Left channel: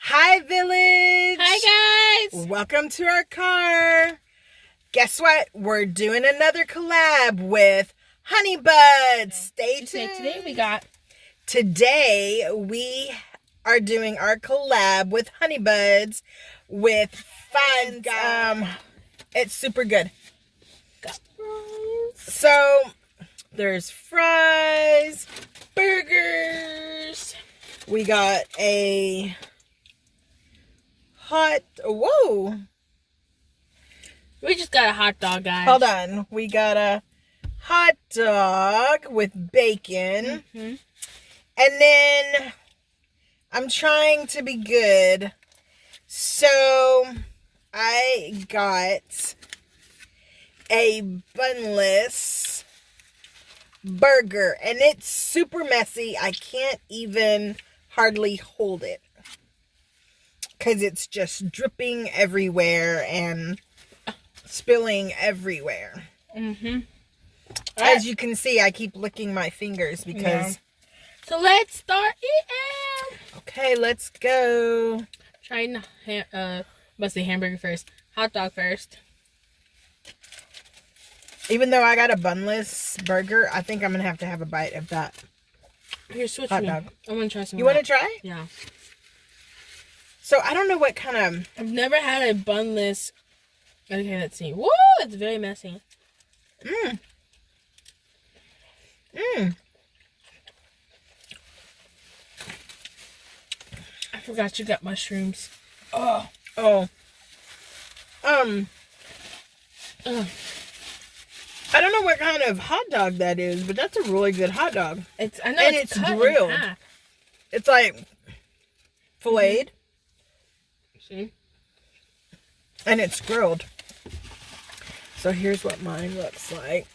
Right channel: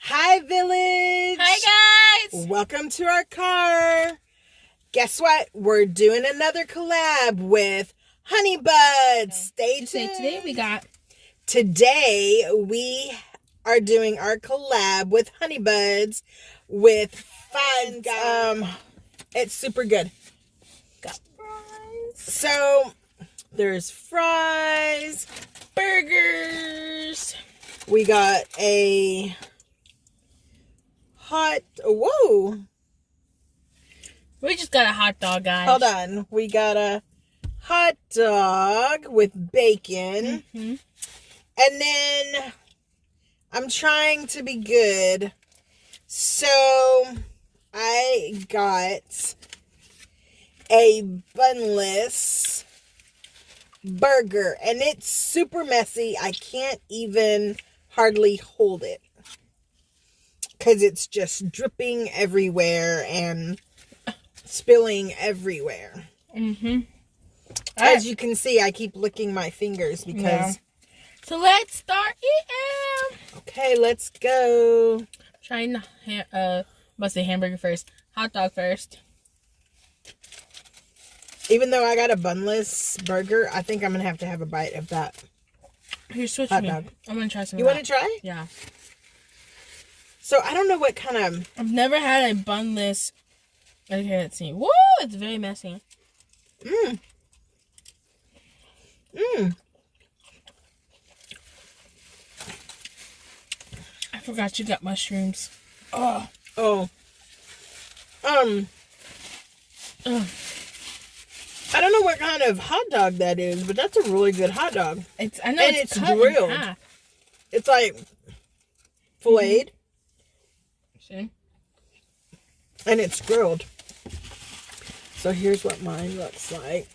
Hi, village. Hi, guys. Welcome to our car. Guess what? We're doing another collab with hon3ybuds. Stay tuned. Today we are doing our collab with hon3ybuds with fries. It's super good. Got fries. So there's fries, burgers. We got a whoa. We just got a hot dog, guys. Hold on. We got a hot dog with bacon. Mm-hmm. And then I'm trying to be good. So I got a Bunless burger. And it's super messy. I can't even hardly hold it. Because it's just dripping everywhere and spilling everywhere. Mm-hmm. As you can see, I keep licking my fingers because... Yeah. So let's start eating. Okay, let's go. Trying must say hamburger first. Hot dog first. Even though I got a Bunless burger, I think I'm going to have a bite of that. Here, switch hot me. dog. I want to try some. You want to try? Yeah. So, I don't know what kind of... I've never had a Bunless. Okay, let's see. Whoa, it's very messy. Mmm. Mmm. I forgot you got mushrooms. Oh. Oh. I don't know what kind of hot dog that is, but that's a really good hot dog. I know, and it's grilled. It's like filleted. See? And it's grilled. So here's what mine looks like.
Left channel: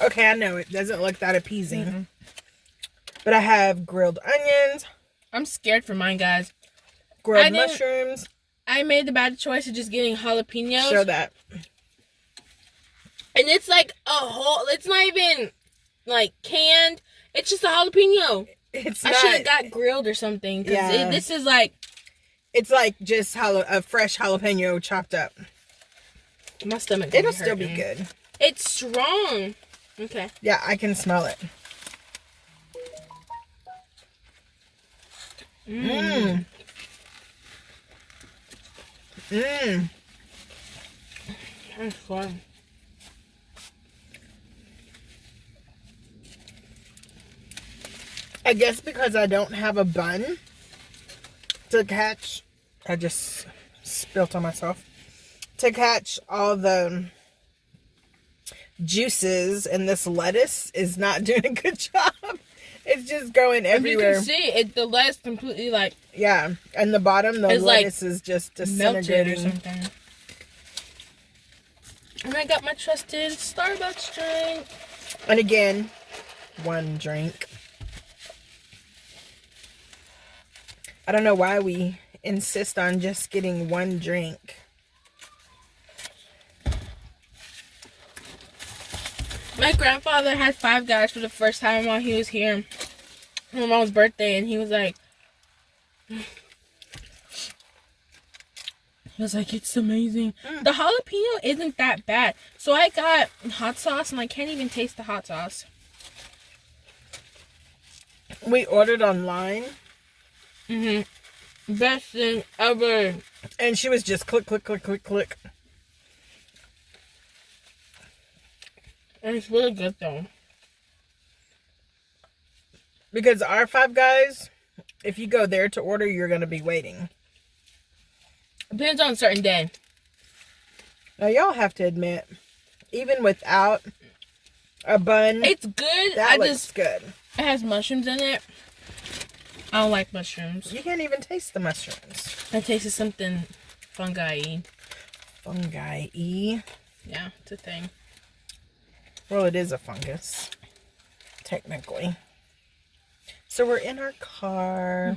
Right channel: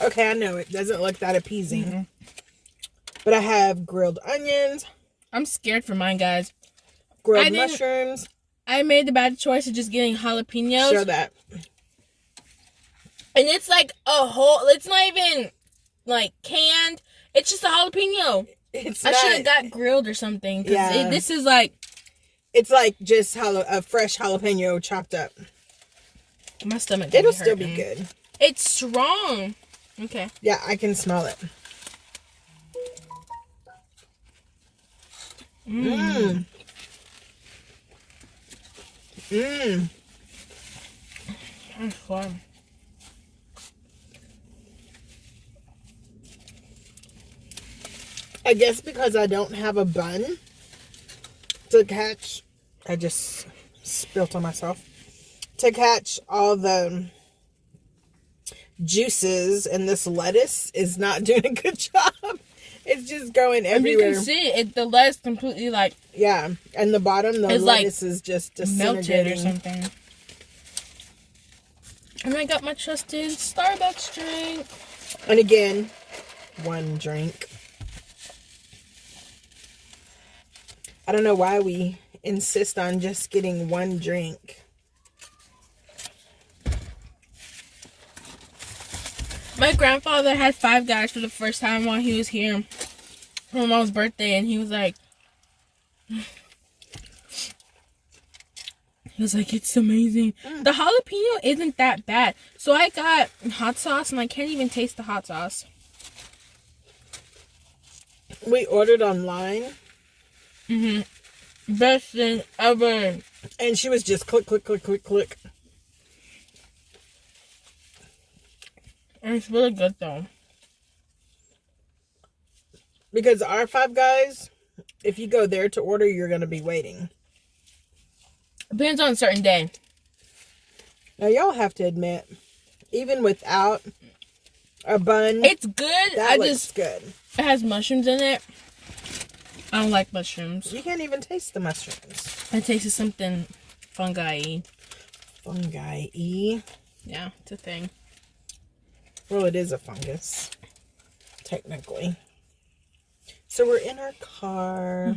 Okay, I know it doesn't look that appeasing. Mm-hmm. But I have grilled onions. I'm scared for mine, guys. Grilled mushrooms. I made the bad choice of just getting jalapenos. Show that. And it's like a whole, it's not even like canned. It's just a jalapeno. I should have got grilled or something. Yeah. This is like. It's like just a fresh jalapeno chopped up. My stomach. It'll still be good. It's strong. Okay. Yeah, I can smell it. Mmm. Mmm. That's fun. I guess because I don't have a bun to catch, I just spilt on myself, to catch all the juices, and this lettuce is not doing a good job. It's just going everywhere. You can see the lettuce completely like... Yeah, and the bottom, the lettuce is just disintegrating. Melted or something. And I got my trusted Starbucks drink. And again, one drink. I don't know why we insist on just getting one drink. My grandfather had Five Guys for the first time while he was here for my mom's birthday, and he was like, it's amazing. The jalapeno isn't that bad. So I got hot sauce, and I can't even taste the hot sauce. We ordered online. Mm-hmm. Best thing ever. And she was just click, click, click, click, click. And it's really good though. Because our Five Guys, if you go there to order, you're going to be waiting. Depends on a certain day. Now, y'all have to admit, even without a bun, it's good. That looks good. It has mushrooms in it. I don't like mushrooms. You can't even taste the mushrooms. I tasted something fungi-y. Fungi-y? Yeah, it's a thing. Well, it is a fungus, technically. So we're in our car,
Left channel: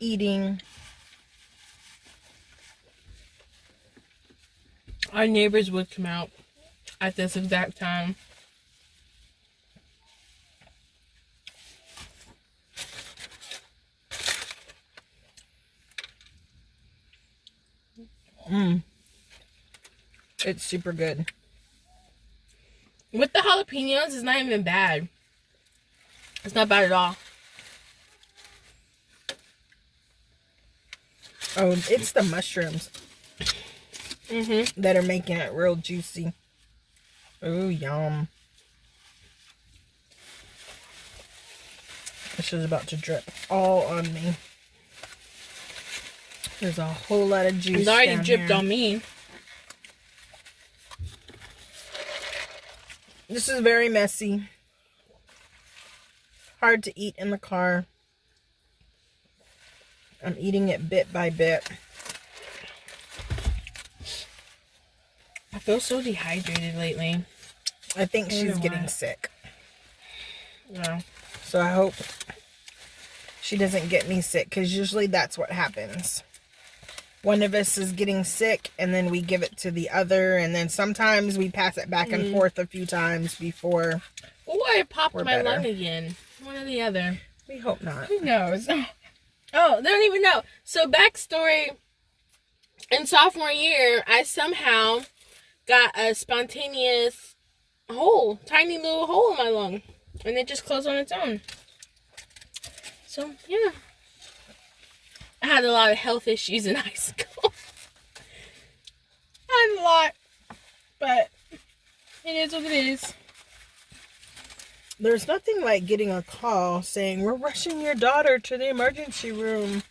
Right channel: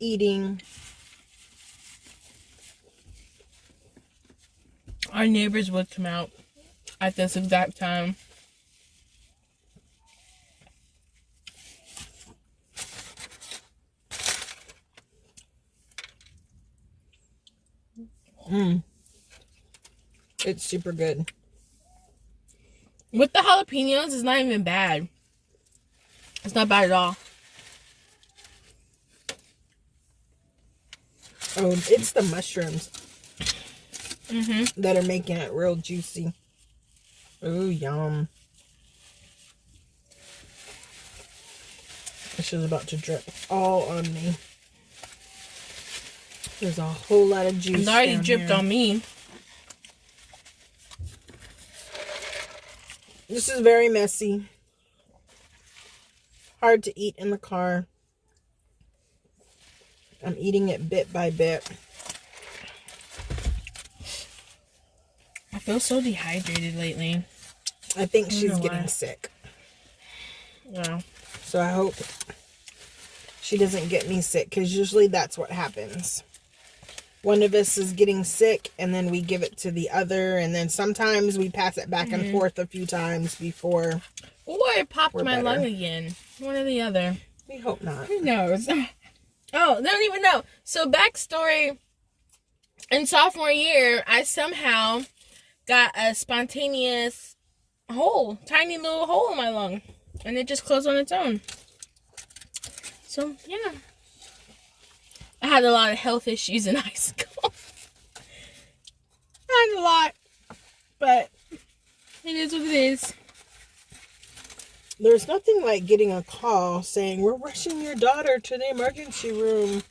eating. Our neighbors would come out at this exact time. It's super good. With the jalapenos, it's not even bad. It's not bad at all. Oh, it's the mushrooms that are making it real juicy. Ooh, yum. This is about to drip all on me. There's a whole lot of juice. It's already dripped on me. This is very messy. Hard to eat in the car. I'm eating it bit by bit. I feel so dehydrated lately. I think she's getting sick. Yeah. So I hope she doesn't get me sick, because usually that's what happens. One of us is getting sick, and then we give it to the other, and then sometimes we pass it back and forth a few times before. Or it popped my lung again. One or the other. We hope not. Who knows? Oh, they don't even know. So, backstory. In sophomore year, I somehow got a spontaneous hole. Tiny little hole in my lung. And it just closed on its own. So, yeah. I had a lot of health issues in high school. I had a lot. But it is what it is. There's nothing like getting a call saying, we're rushing your daughter to the emergency room.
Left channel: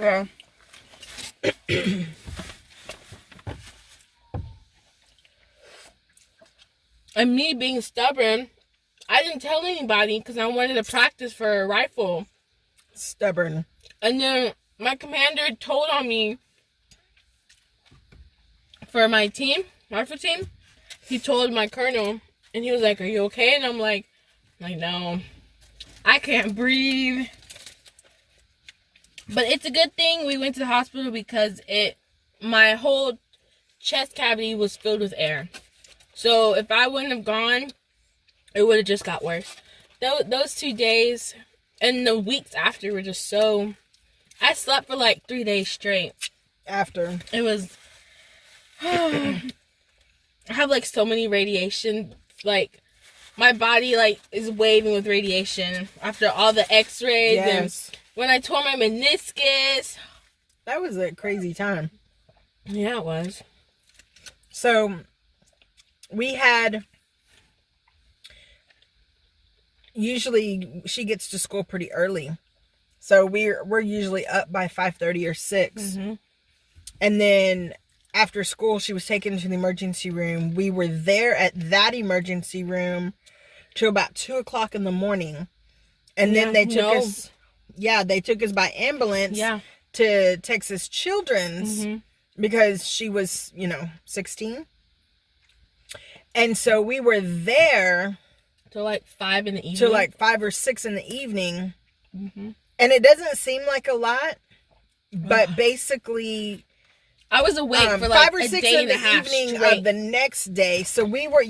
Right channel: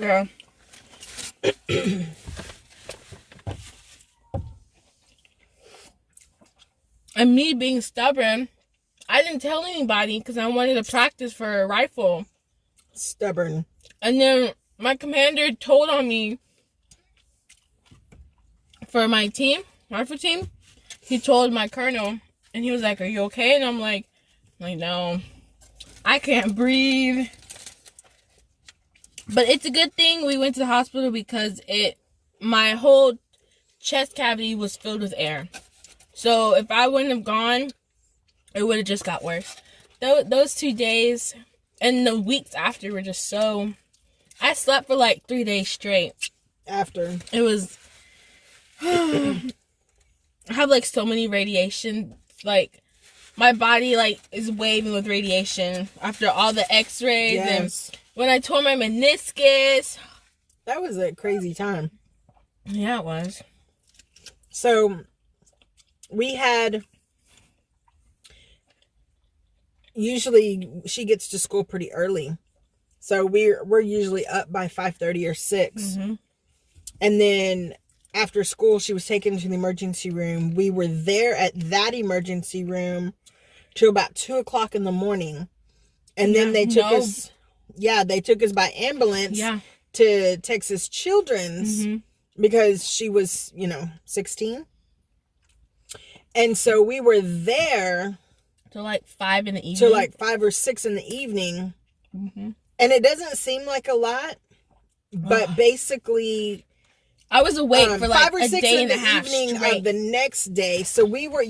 Yeah. And me being stubborn, I didn't tell anybody because I wanted to practice for a rifle. Stubborn. And then my commander told on me for my team, rifle team. He told my colonel, and he was like, are you okay? And I'm like, no, I can't breathe. But it's a good thing we went to the hospital because my whole chest cavity was filled with air. So if I wouldn't have gone, it would have just got worse. Those 2 days and the weeks after were just so... I slept for like 3 days straight. After. It was... I have like so many radiation, like my body like is waving with radiation after all the x-rays. Yes. And when I tore my meniscus. That was a crazy time. Yeah, it was. So we had, usually she gets to school pretty early. So we're usually up by 5:30 or 6. And then after school, she was taken to the emergency room. We were there at that emergency room till about 2 o'clock in the morning. And then they took us, they took us by ambulance to Texas Children's because she was, 16. And so we were there till like 5 in the evening. Till like 5 or 6 in the evening. And it doesn't seem like a lot, but basically... I was awake for like 5 or 6 in the evening of the next day. So we were,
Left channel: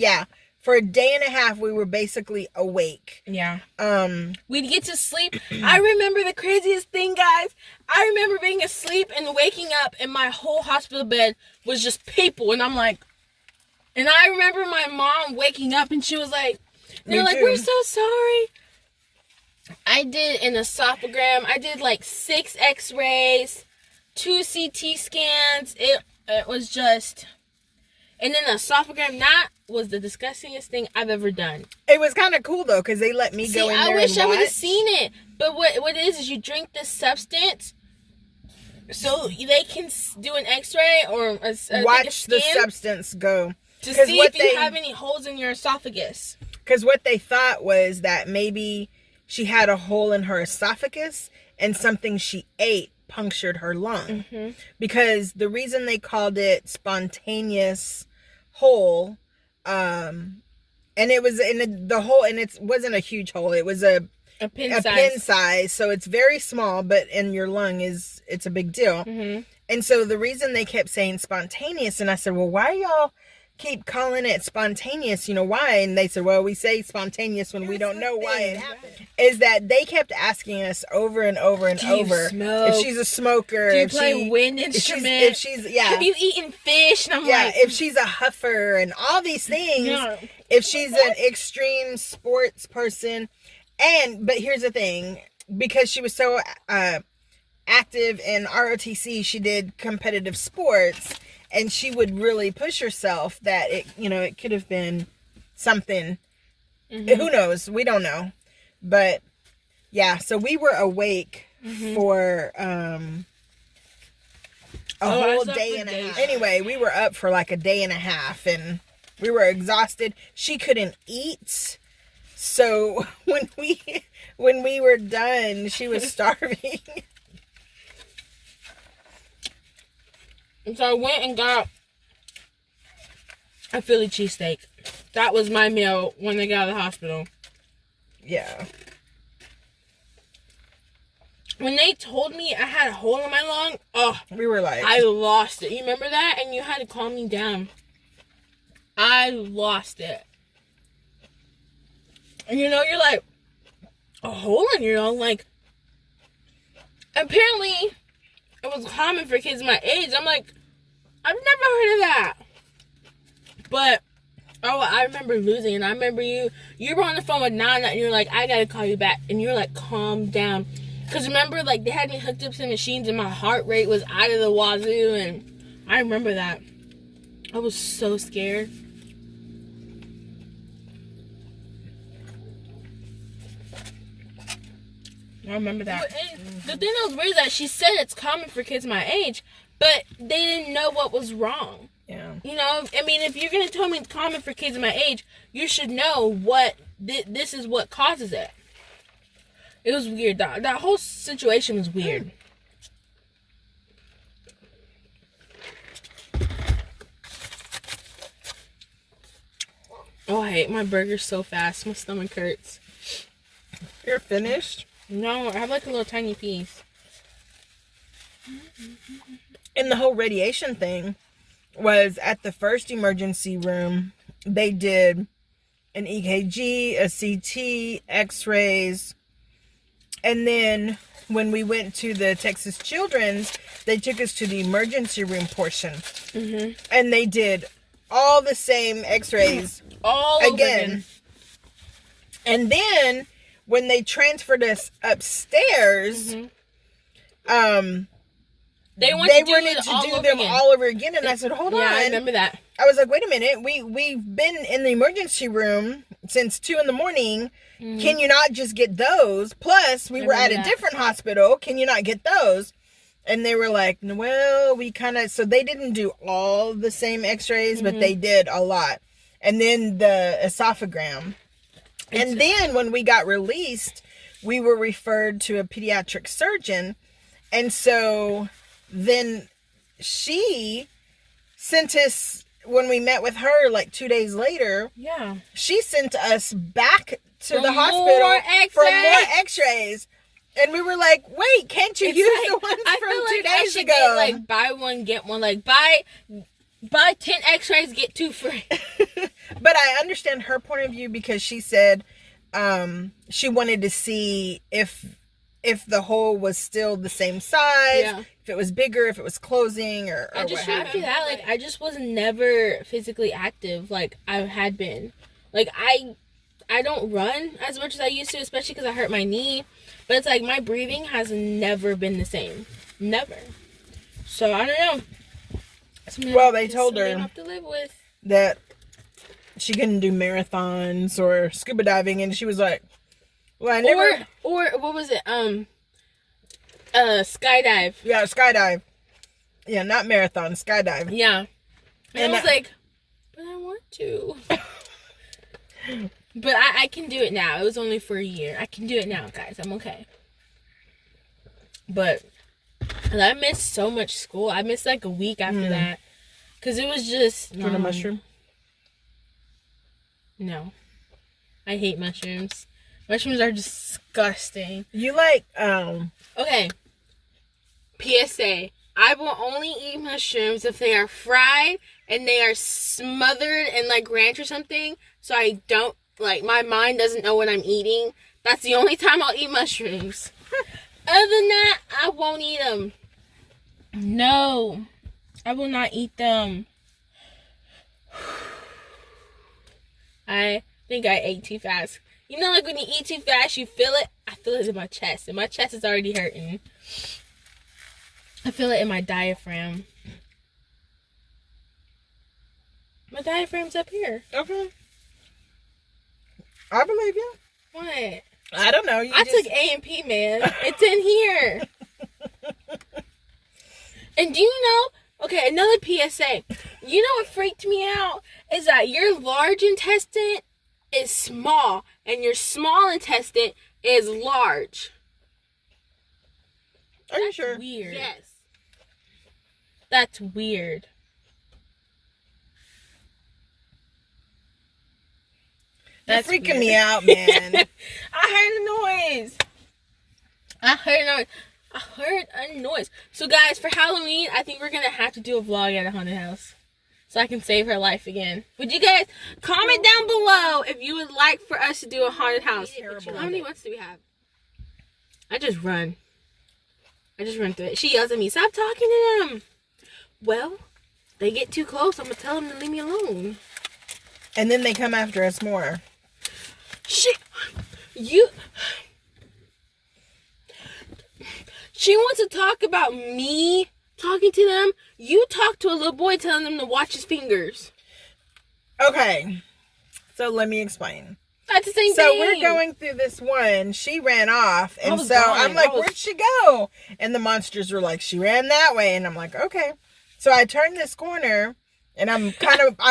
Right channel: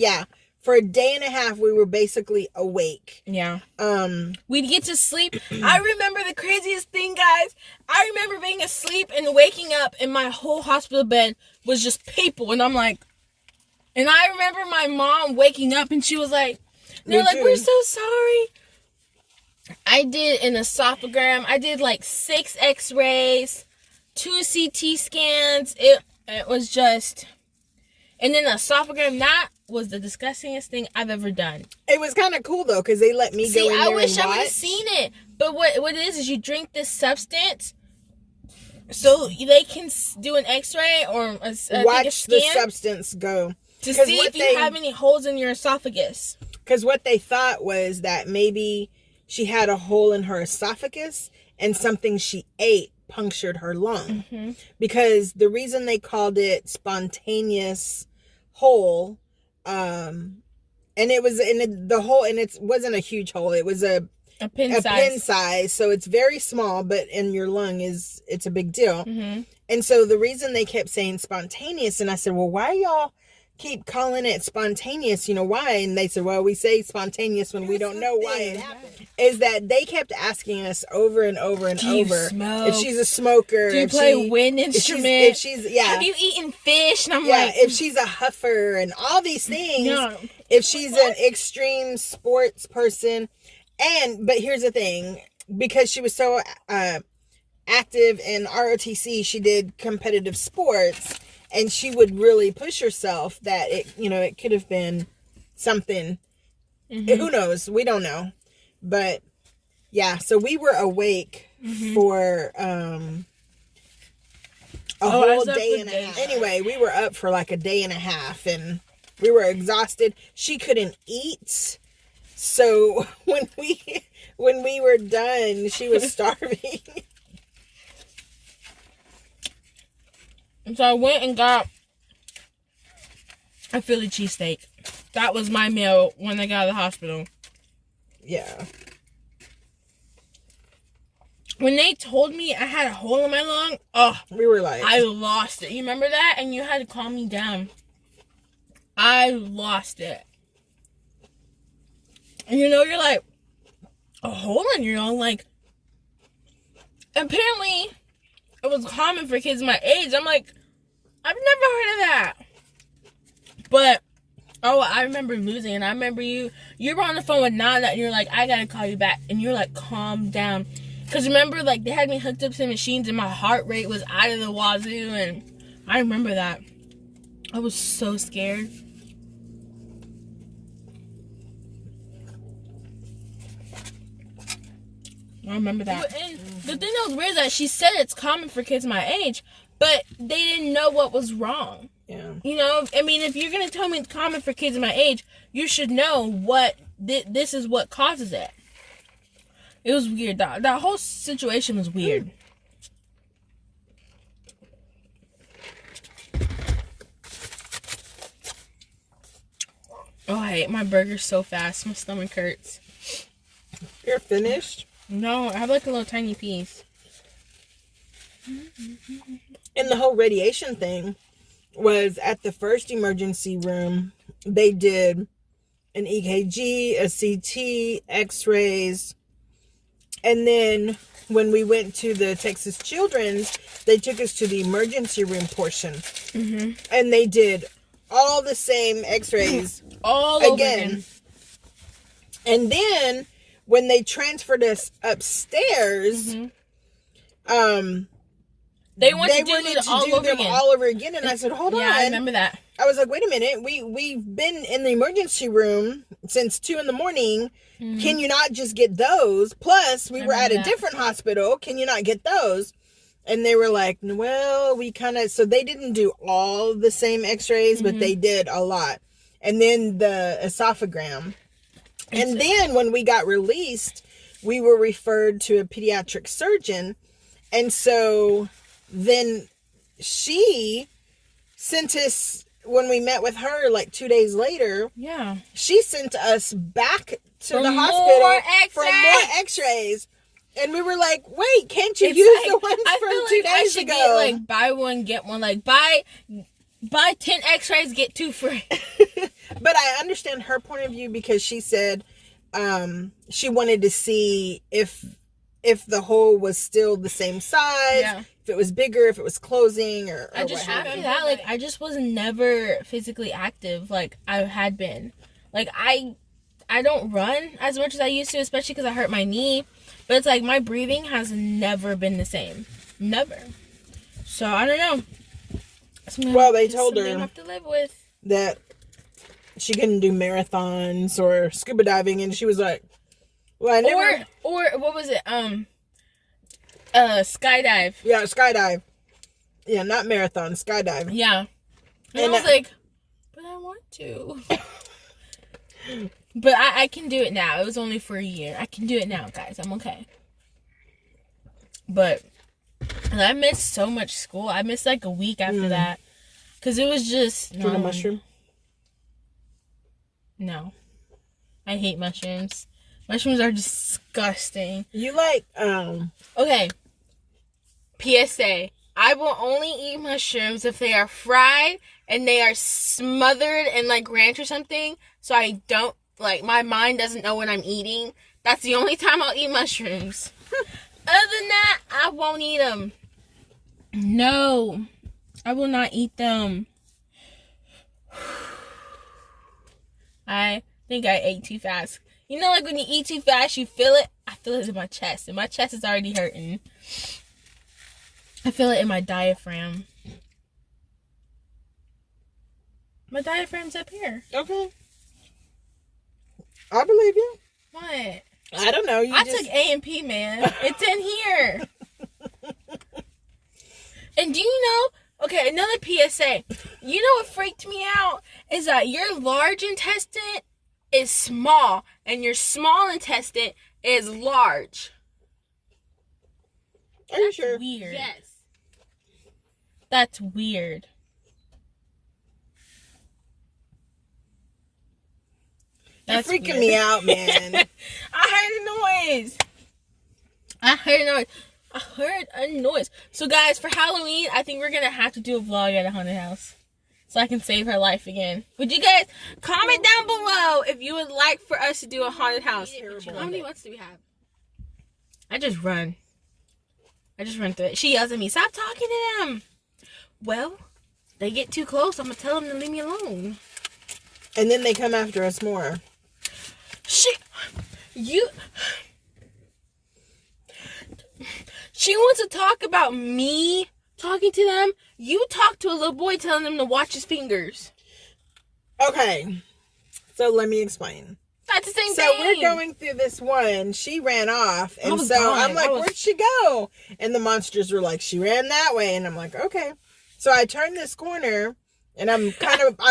for a day and a half, we were basically awake. Yeah. We'd get to sleep. I remember the craziest thing, guys. I remember being asleep and waking up, and my whole hospital bed was just people. And I'm like, and I remember my mom waking up, and she was like, they're like, we're so sorry. I did an esophagram. I did like 6 x-rays. 2 CT scans. It was just... And then esophagram, that was the disgustingest thing I've ever done. It was kind of cool, though, because they let me go in there and watch. I wish I would have seen it. But what it is you drink this substance so they can do an x-ray or watch the substance go. To see if you have any holes in your esophagus. Because what they thought was that maybe she had a hole in her esophagus and something she ate punctured her lung. Because the reason they called it spontaneous hole, and it was in the hole, and it wasn't a huge hole, it was a pin size, so it's very small, but in your lung it's a big deal. And so the reason they kept saying spontaneous, and I said, well, why are y'all keep calling it spontaneous. You know why? And they said, well, we say spontaneous when we don't know why it happened. Is that they kept asking us over and over and over if she's a smoker. Do you play wind instrument? If she's Have you eaten fish? And I'm if she's a huffer and all these things. No. If she's an extreme sports person. But here's the thing. Because she was so active in ROTC, she did competitive sports, and she would really push herself that it could have been something. Who knows? We don't know. But yeah, so we were awake for a whole day and a half. Anyway, we were up for like a day and a half, and we were exhausted. She couldn't eat. So when we were done, she was starving. And so I went and got a Philly cheesesteak. That was my meal when I got out of the hospital. Yeah. When they told me I had a hole in my lung, we were like, I lost it. You remember that? And you had to calm me down. I lost it. And you're like, a hole in your lung? Like, apparently, it was common for kids my age. I'm like, I've never heard of that. But, I remember losing, and I remember you were on the phone with Nana, and you're like, I gotta call you back. And you're like, calm down. Because remember, like, they had me hooked up to machines, and my heart rate was out of the wazoo, and I remember that. I was so scared. I remember that. And the thing that was weird is that she said it's common for kids my age, but they didn't know what was wrong. Yeah. I mean, if you're going to tell me it's common for kids my age, you should know what this is what causes it. It was weird. That whole situation was weird. Oh, I ate my burger so fast. My stomach hurts. You're finished? No, I have like a little tiny piece. And the whole radiation thing was at the first emergency room. They did an EKG, a CT, x-rays. And then when we went to the Texas Children's, they took us to the emergency room portion. And they did all the same x-rays all again. And then when they transferred us upstairs, they wanted to do them all over again. And I said, hold on. I remember that. I was like, wait a minute. We've been in the emergency room since 2 a.m. Can you not just get those? Plus, we were at a different hospital. Can you not get those? And they were like, well, we so they didn't do all the same x-rays, but they did a lot. And then the esophagram. And then when we got released, we were referred to a pediatric surgeon. And so then she sent us, when we met with her like 2 days later, she sent us back to the hospital for more x-rays. And we were like, wait, can't you use the ones from 2 days ago? Get, like, buy one, get one. Like, buy 10 x-rays, get 2 free. But I understand her point of view because she said she wanted to see if the hole was still the same size, if it was bigger, if it was closing, or just after that, like, I just was never physically active like I had been. Like, I don't run as much as I used to, especially because I hurt my knee. But it's like my breathing has never been the same. Never. So, I don't know. Well, they told her have to live with. That she couldn't do marathons or scuba diving, and she was like, well, I never... Or what was it? Skydive. Yeah, skydive. Yeah, not marathon, skydive. Yeah. And I was like, but I want to. But I can do it now. It was only for a year. I can do it now, guys. I'm okay. But I missed so much school. I missed like a week after that. Because it was just... Do you want a mushroom? No. I hate mushrooms. Mushrooms are disgusting. You like, Okay. PSA. I will only eat mushrooms if they are fried and they are smothered in like ranch or something, so I don't, like, my mind doesn't know what I'm eating. That's the only time I'll eat mushrooms. Other than that, I won't eat them. No, I will not eat them. I think I ate too fast. You know, like when you eat too fast, you feel it? I feel it in my chest, and my chest is already hurting. I feel it in my diaphragm. My diaphragm's up here. Okay. I believe you. What? I don't know. I took A&P, man. It's in here. And do you know? Okay, another PSA. You know what freaked me out? Is that your large intestine is small, and your small intestine is large. Are you sure? Weird. Yes. That's weird. That's freaking me out, man. I heard a noise. So, guys, for Halloween, I think we're going to have to do a vlog at a haunted house, so I can save her life again. Would you guys comment down below if you would like for us to do a haunted house? How many months do we have? I just run through it. She yells at me, stop talking to them. Well, they get too close, I'm going to tell them to leave me alone. And then they come after us more. She wants to talk about me talking to them. You talk to a little boy telling them to watch his fingers. Okay. So let me explain. That's the same thing. So we're going through this one. She ran off. And so I'm like, where'd she go? And the monsters were like, she ran that way. And I'm like, okay. So I turned this corner. And I'm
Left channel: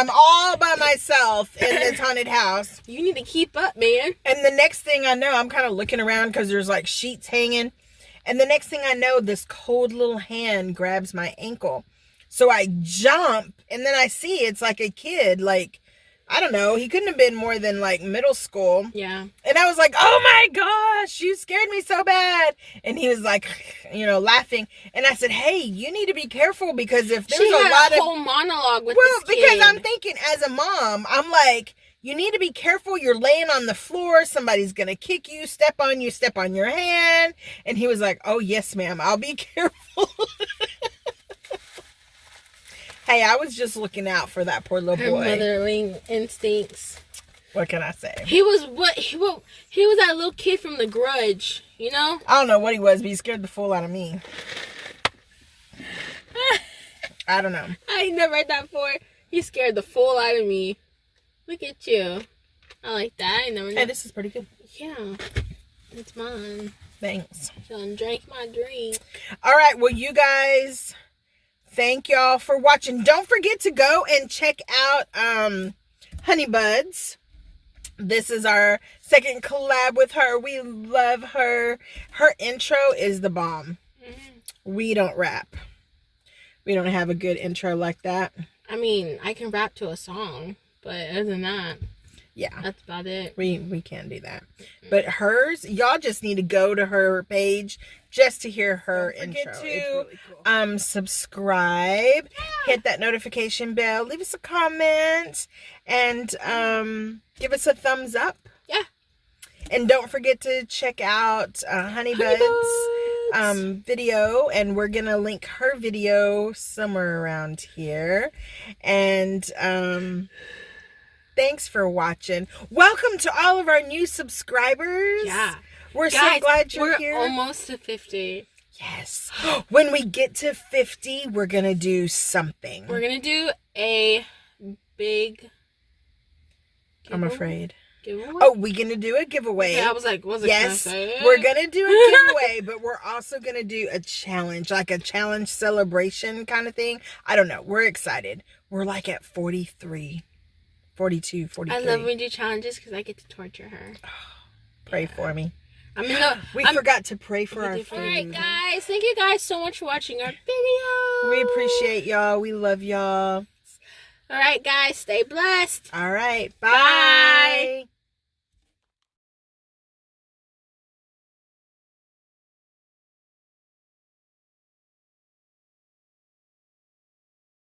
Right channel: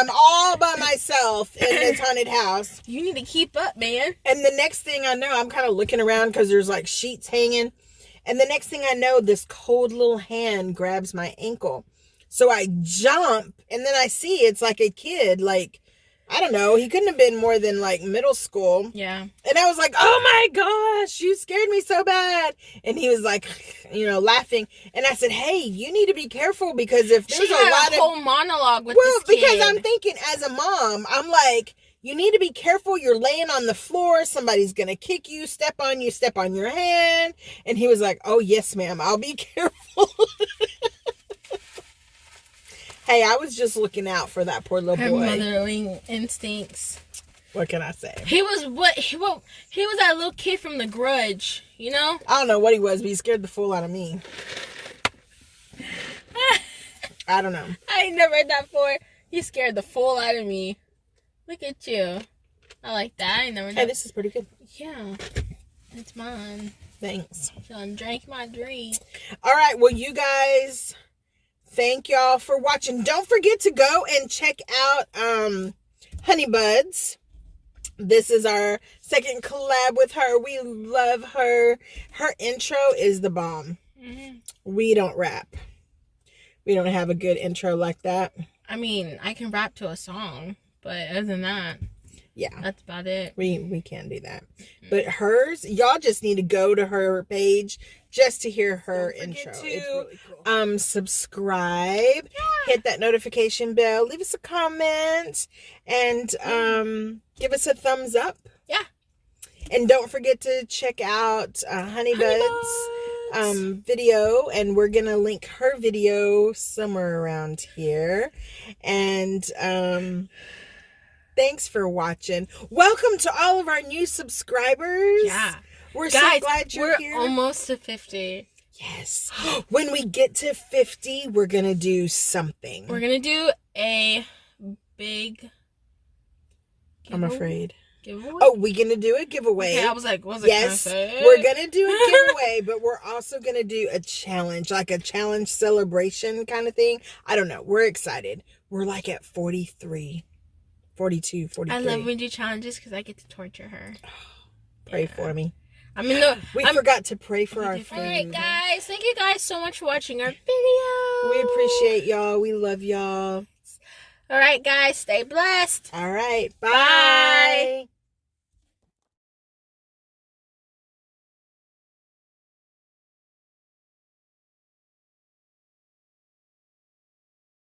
all by myself in this haunted house. You need to keep up, man. And the next thing I know, I'm kind of looking around because there's like sheets hanging. And the next thing I know, this cold little hand grabs my ankle. So I jump, and then I see it's like a kid, like, I don't know, he couldn't have been more than like middle school. Yeah. And I was like, oh my gosh, you scared me so bad. And he was like, you know, laughing. And I said, hey, you need to be careful, because if there's a lot of whole monologue with this kid. Because I'm thinking as a mom, I'm like, you need to be careful. You're laying on the floor. Somebody's going to kick you, step on your hand. And he was like, oh, yes, ma'am. I'll be careful. Hey, I was just looking out for that poor little boy. Motherly instincts. What can I say? He was that little kid from The Grudge, you know? I don't know what he was, but he scared the fool out of me. I don't know. I ain't never heard that before. He scared the fool out of me. Look at you. I like that. I never know. Hey, this is pretty good. Yeah. It's mine. Thanks. Done drank my drink. All right. Well, you guys, thank y'all for watching. Don't forget to go and check out hon3ybuds. This is our second collab with her. We love her. Her intro is the bomb. Mm-hmm. We don't rap. We don't have a good intro like that. I mean, I can rap to a song, but other than that, yeah, that's about it. We can do that. But hers, y'all just need to go to her page just to hear her intro. It's really cool. Subscribe, hit that notification bell, leave us a comment, and give us a thumbs up. Yeah. And don't forget to check out hon3ybuds video, and we're gonna link her video somewhere around here. And thanks for watching. Welcome to all of our new subscribers. Yeah, we're so glad you're here. We're almost to 50. Yes. When we get to 50, we're gonna do something. We're gonna do a big I'm afraid. Giveaway? Oh, we're gonna do a giveaway. Okay, I was like, what's it? Yes, we're gonna do a giveaway, but we're also gonna do a challenge, like a challenge celebration kind of thing. I don't know. We're excited. We're like at 43, 42, 43. I love when we do challenges because I get to torture her. Pray for me. I mean, we forgot to pray for our food. All right, guys. Thank you guys so much for watching our video. We appreciate y'all. We love y'all. All right, guys. Stay blessed. All right. Bye.